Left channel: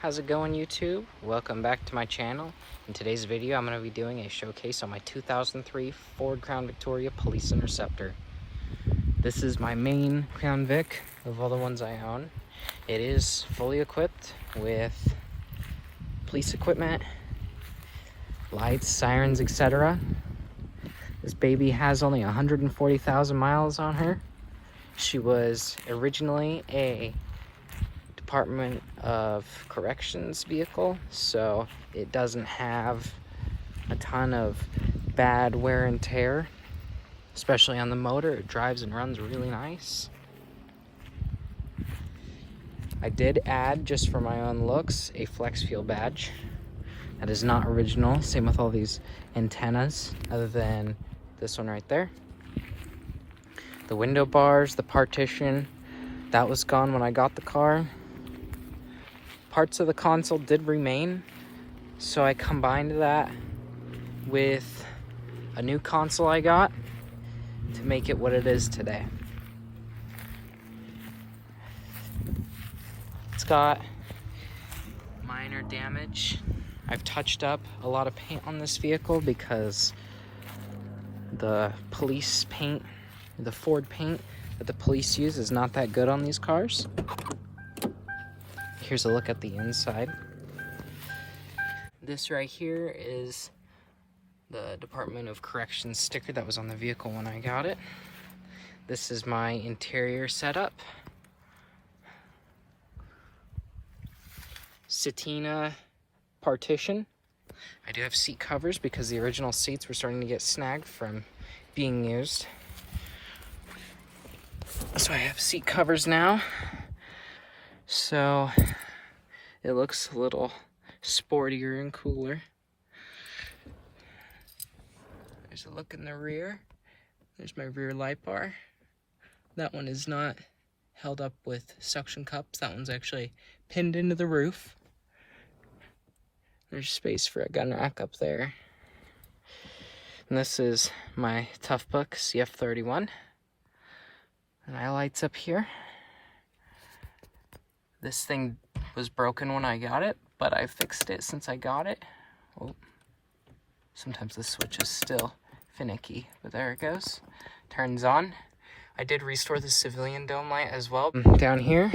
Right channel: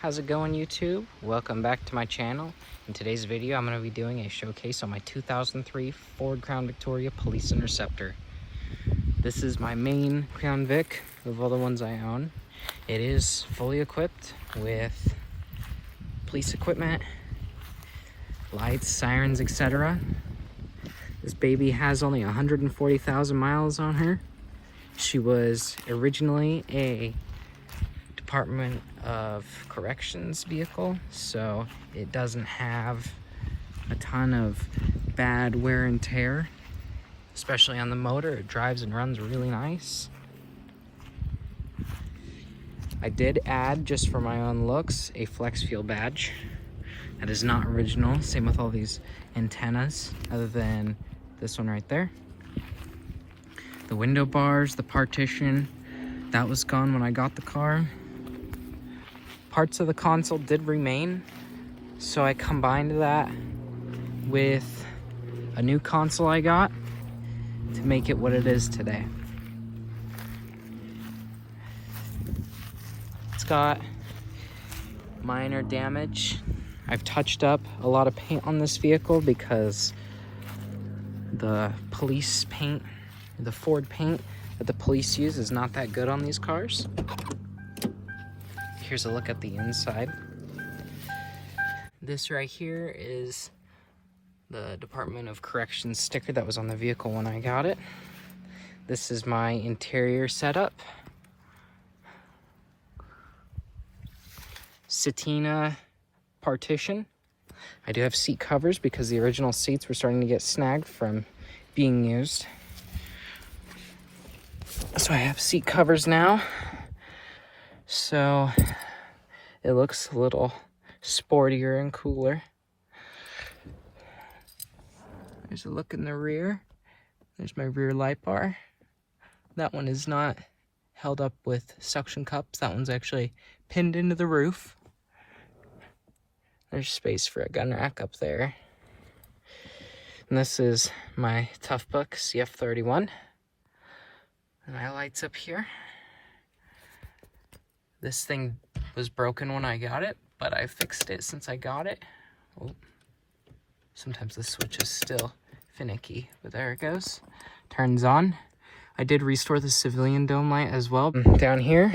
How's it going, YouTube? Welcome back to my channel. In today's video, I'm going to be doing a showcase on my 2003 Ford Crown Victoria Police Interceptor. This is my main Crown Vic of all the ones I own. It is fully equipped with police equipment, lights, sirens, etc. This baby has only 140,000 miles on her. She was originally a Department of Corrections vehicle, so it doesn't have a ton of bad wear and tear, especially on the motor. It drives and runs really nice. I did add, just for my own looks, a flex fuel badge. That is not original. Same with all these antennas, other than this one right there. The window bars, the partition, that was gone when I got the car. Parts of the console did remain, so I combined that with a new console I got to make it what it is today. It's got minor damage. I've touched up a lot of paint on this vehicle because the police paint, the Ford paint that the police use, is not that good on these cars. Here's a look at the inside. This right here is the Department of Corrections sticker that was on the vehicle when I got it. This is my interior setup. Satina partition. I do have seat covers because the original seats were starting to get snagged from being used. So I have seat covers now. So it looks a little sportier and cooler. There's a look in the rear. There's my rear light bar. That one is not held up with suction cups. That one's actually pinned into the roof. There's space for a gun rack up there. And this is my Tough Book CF31. And my lights up here. This thing was broken when I got it, but I fixed it since I got it. Oh, sometimes the switch is still finicky, but there it goes. Turns on. I did restore the civilian dome light as well. Down here,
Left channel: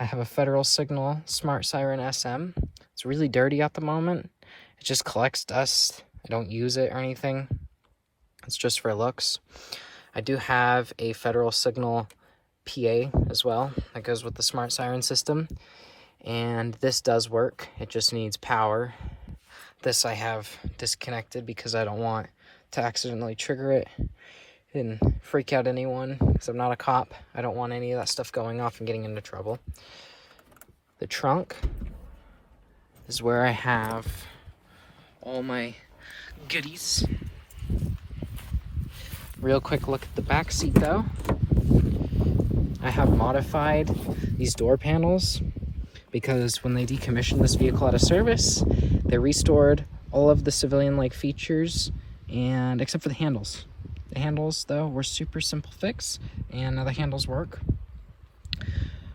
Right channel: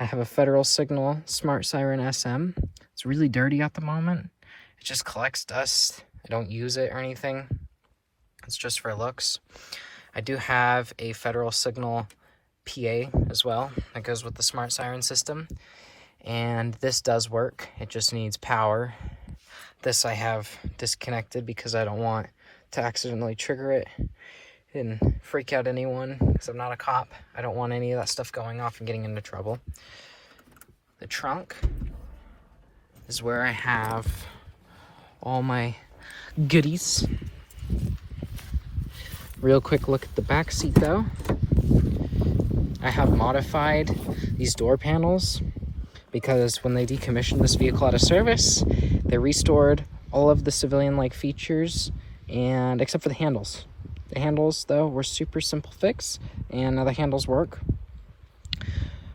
I have a Federal Signal Smart Siren SM. It's really dirty at the moment. It just collects dust. I don't use it or anything. It's just for looks. I do have a Federal Signal PA as well that goes with the smart siren system, and this does work. It just needs power. This I have disconnected because I don't want to accidentally trigger it and freak out anyone, because I'm not a cop. I don't want any of that stuff going off and getting into trouble. The trunk is where I have all my goodies. Real quick look at the back seat though. I have modified these door panels because when they decommissioned this vehicle out of service, they restored all of the civilian-like features, and except for the handles. The handles, though, were super simple fix, and now the handles work.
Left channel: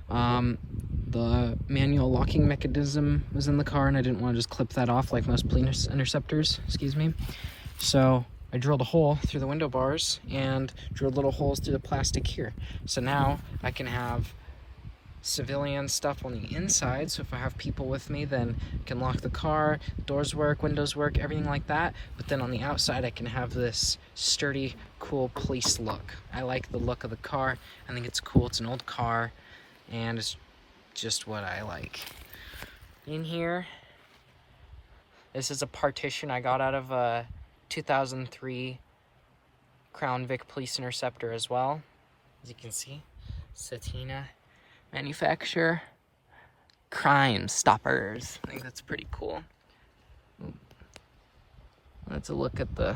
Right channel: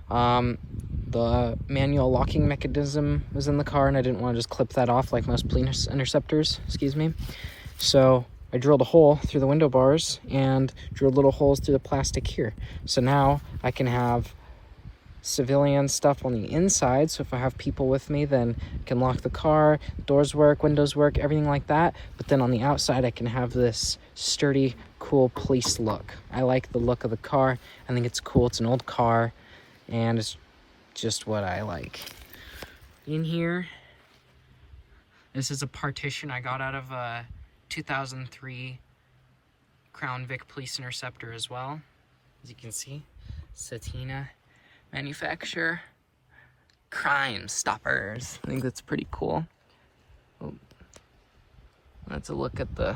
The manual locking mechanism was in the car, and I didn't want to just clip that off like most police interceptors, So I drilled a hole through the window bars and drilled little holes through the plastic here. So now I can have civilian stuff on the inside. So if I have people with me, then I can lock the car, doors work, windows work, everything like that. But then on the outside, I can have this sturdy, cool police look. I like the look of the car. I think it's cool. It's an old car, and it's just what I like. In here, this is a partition I got out of a 2003 Crown Vic Police Interceptor as well. As you can see, Satina manufacturer, Crime Stoppers. I think that's pretty cool. Oh. Let's look at the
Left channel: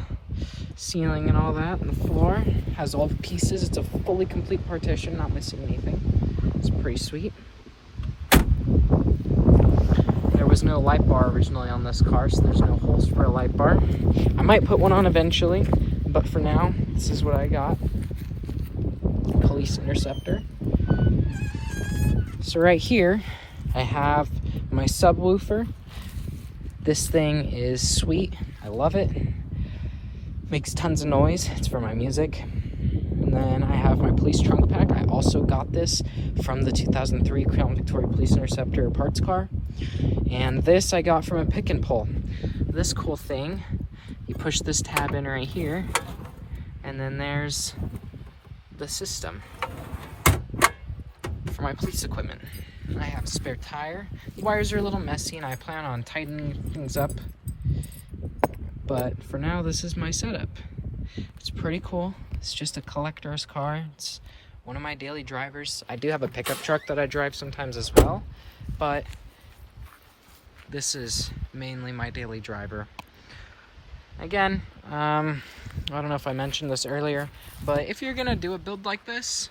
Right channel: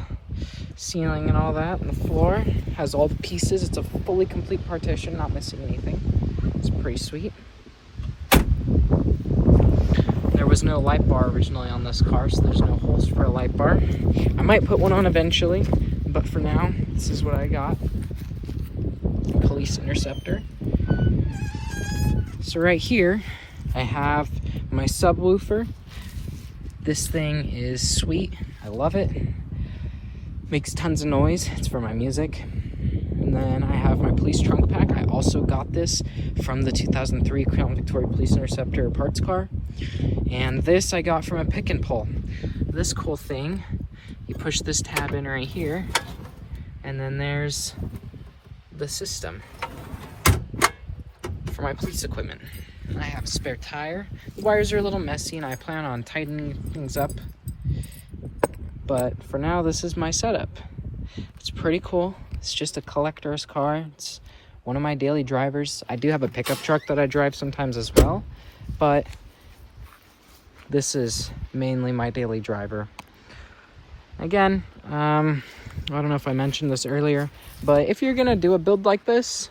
ceiling and all that, and the floor has all the pieces. It's a fully complete partition, not missing anything. It's pretty sweet. There was no light bar originally on this car, so there's no holes for a light bar. I might put one on eventually, but for now, this is what I got. Police Interceptor. So right here, I have My subwoofer. This thing is sweet. I love it. Makes tons of noise. It's for my music. And then I have my police trunk pack. I also got this from the 2003 Crown Victoria Police Interceptor parts car. And this I got from a pick and pull. This cool thing, you push this tab in right here, and then there's the system for my police equipment. I have a spare tire. The wires are a little messy and I plan on tightening things up. But for now, this is my setup. It's pretty cool. It's just a collector's car. It's one of my daily drivers. I do have a pickup truck that I drive sometimes as well, but this is mainly my daily driver. Again, I don't know if I mentioned this earlier, but if you're gonna do a build like this,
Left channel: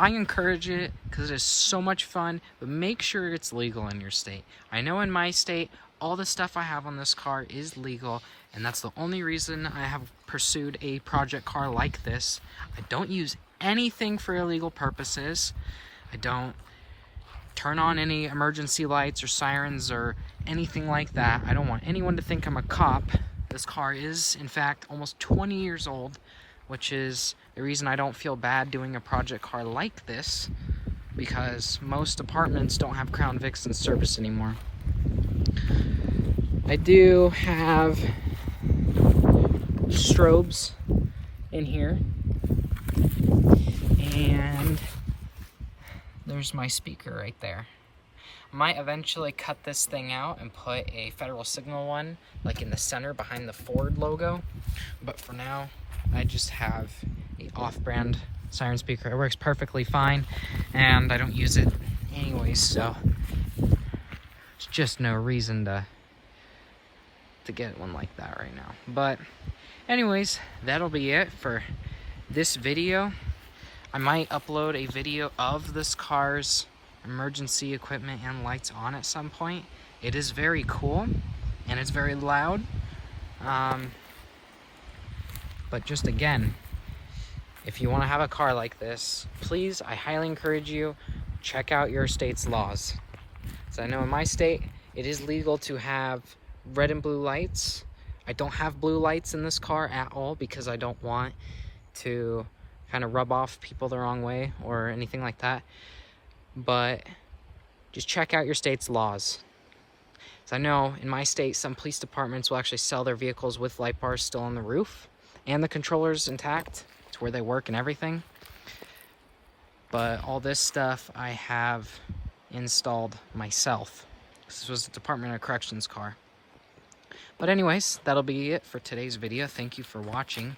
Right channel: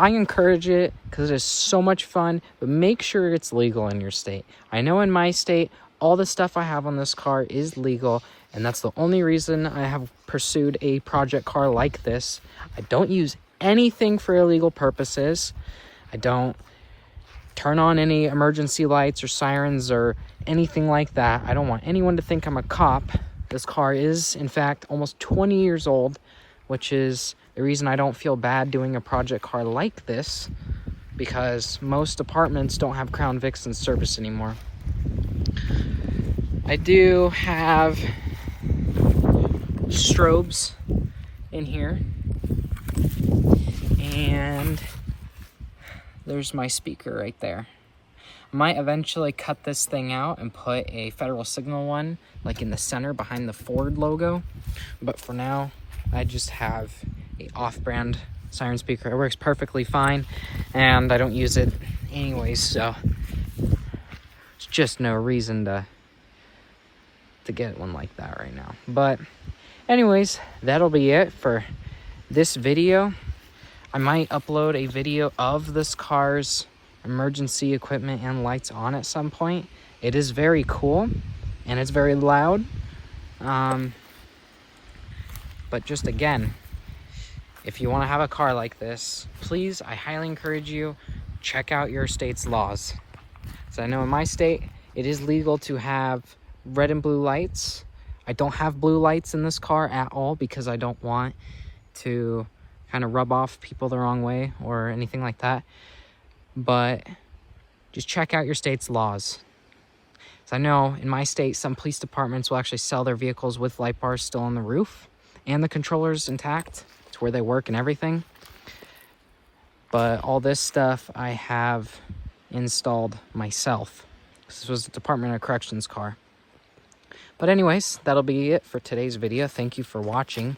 I encourage it because it is so much fun, but make sure it's legal in your state. I know in my state, all the stuff I have on this car is legal, and that's the only reason I have pursued a project car like this. I don't use anything for illegal purposes. I don't turn on any emergency lights or sirens or anything like that. I don't want anyone to think I'm a cop. This car is, in fact, almost 20 years old, which is the reason I don't feel bad doing a project car like this, because most apartments don't have Crown Vics in service anymore. I do have strobes in here, and there's my speaker right there. I might eventually cut this thing out and put a Federal Signal one like in the center behind the Ford logo, but for now I just have a off-brand siren speaker. It works perfectly fine and I don't use it anyways, so there's just no reason to get one like that right now. But anyways, that'll be it for this video. I might upload a video of this car's emergency equipment and lights on at some point. It is very cool and it's very loud. But just again, if you want to have a car like this, please, I highly encourage you, check out your state's laws. So I know in my state, it is legal to have red and blue lights. I don't have blue lights in this car at all because I don't want to kind of rub off people the wrong way or anything like that. But just check out your state's laws. So I know in my state, some police departments will actually sell their vehicles with light bars still on the roof and the controllers intact. It's where they work and everything. But all this stuff I have installed myself. This was the Department of Corrections car. But anyways, that'll be it for today's video. Thank you for watching.